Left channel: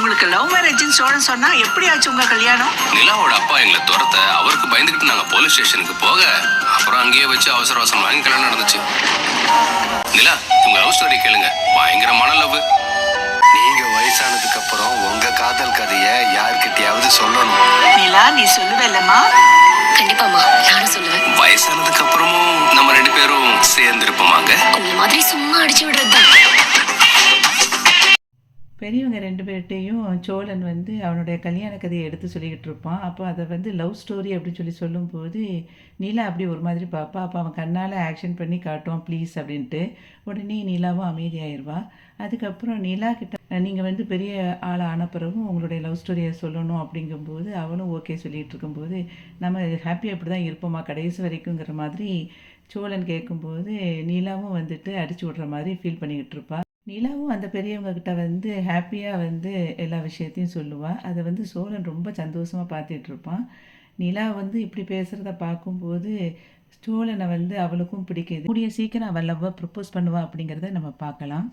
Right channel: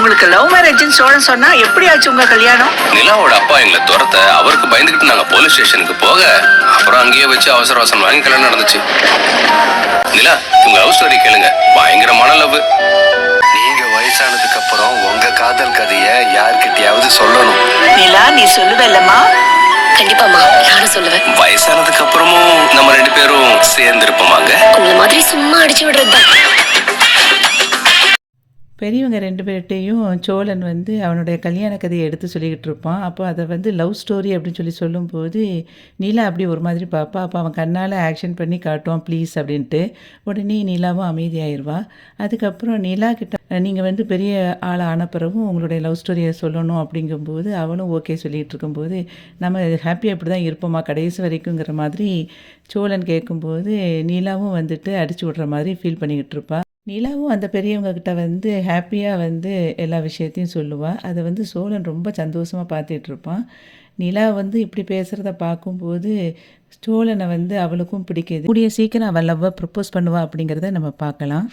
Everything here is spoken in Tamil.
உங்களுக்கு லவ் மேரேஜ்னு சோழன் சொன்னா எப்படி ஆச்சு உங்க கல்யாணம்? நிலாவோட அப்பா எங்களை துரத்த அவருக்கு பயந்துகிட்டு நாங்க போலீஸ் ஸ்டேஷனுக்கு போக அப்புறம் அங்கேயே வச்சு அவசர அவசரம் வாங்கி கல்யாணம் நடந்துச்சு. நிலா, உங்க லவ் ஸ்டோரி கேளுங்க, பயங்கரமான லவ். நீங்க வயசானதுக்கு அப்புறம் உங்க காதல் கதைய யார்கிட்டயாவது சொல்லணும். நிலா, நீ சொல்லுவல்லம்மா? கண்டிப்பாமா, நானும் சொல்லுவேன். வயசானதுக்கு அப்புறமும் நம்ம 2 பேரும் சேர்ந்து இருப்போமாங்க. உங்களை மாதிரி சும்மா அடிச்சு விடுறதுதான். பெரியவங்க 2 பேர்கிட்டையும் சோழன் வந்து அவனுடைய கல்யாண கதையை எடுத்து சொல்லிக்கிட்டு இருப்பான். அப்போ அதை வந்து லவ் ஸ்டோரி அப்படின்னு சொல்லும்போது நீலா அப்படி ஒரு மாதிரி பார்ப்பா. அப்போ அவன் கண்ணால் ஆக்ஷன் பண்ணி காட்டுவான் ப்ளீஸ் அப்படின்ட்டு. உடனே நீலாவும் அமைதியாயிருவா. அதுக்கப்புறம் நிலா கிட்ட நீங்கள் வந்து பெரிய ஆள் ஆன பிறகும் உங்களுடைய லவ் ஸ்டோரியை சொல்லணும் அப்படிங்கும்போது அவனும் ஓகே சொல்லிகிட்டு இருக்கும்போது நம்ம ஹாப்பியாக இப்படி தான் இருப்போமா கடைசி வரைக்குங்கிற மாதிரி சோழன் கேட்கும்போது நீலாவும் வந்துட்டு அடிச்சு விட்ற மாதிரி ஃபீல் பண்ணிக்கிட்டு இருப்பா. நிலாவும் அந்த பெரியவங்க கிட்ட வந்து ஹாப்பியாக வந்து எல்லா விஷயத்தையும் சொல்லுவாள். அதை வந்து சோழன் ரொம்ப சந்தோஷமாக பார்த்துட்ருப்பான். நிலா வந்து இப்படி பேசுகிறத பார்க்கும்போது சோழனை வந்து அவளுக்கும் பிடிக்குது. கூடிய சீக்கிரம் அவள் லவ்வை ப்ரப்போஸ் பண்ணுவா அப்படிங்கிறத நம்ம பார்க்கலாம்.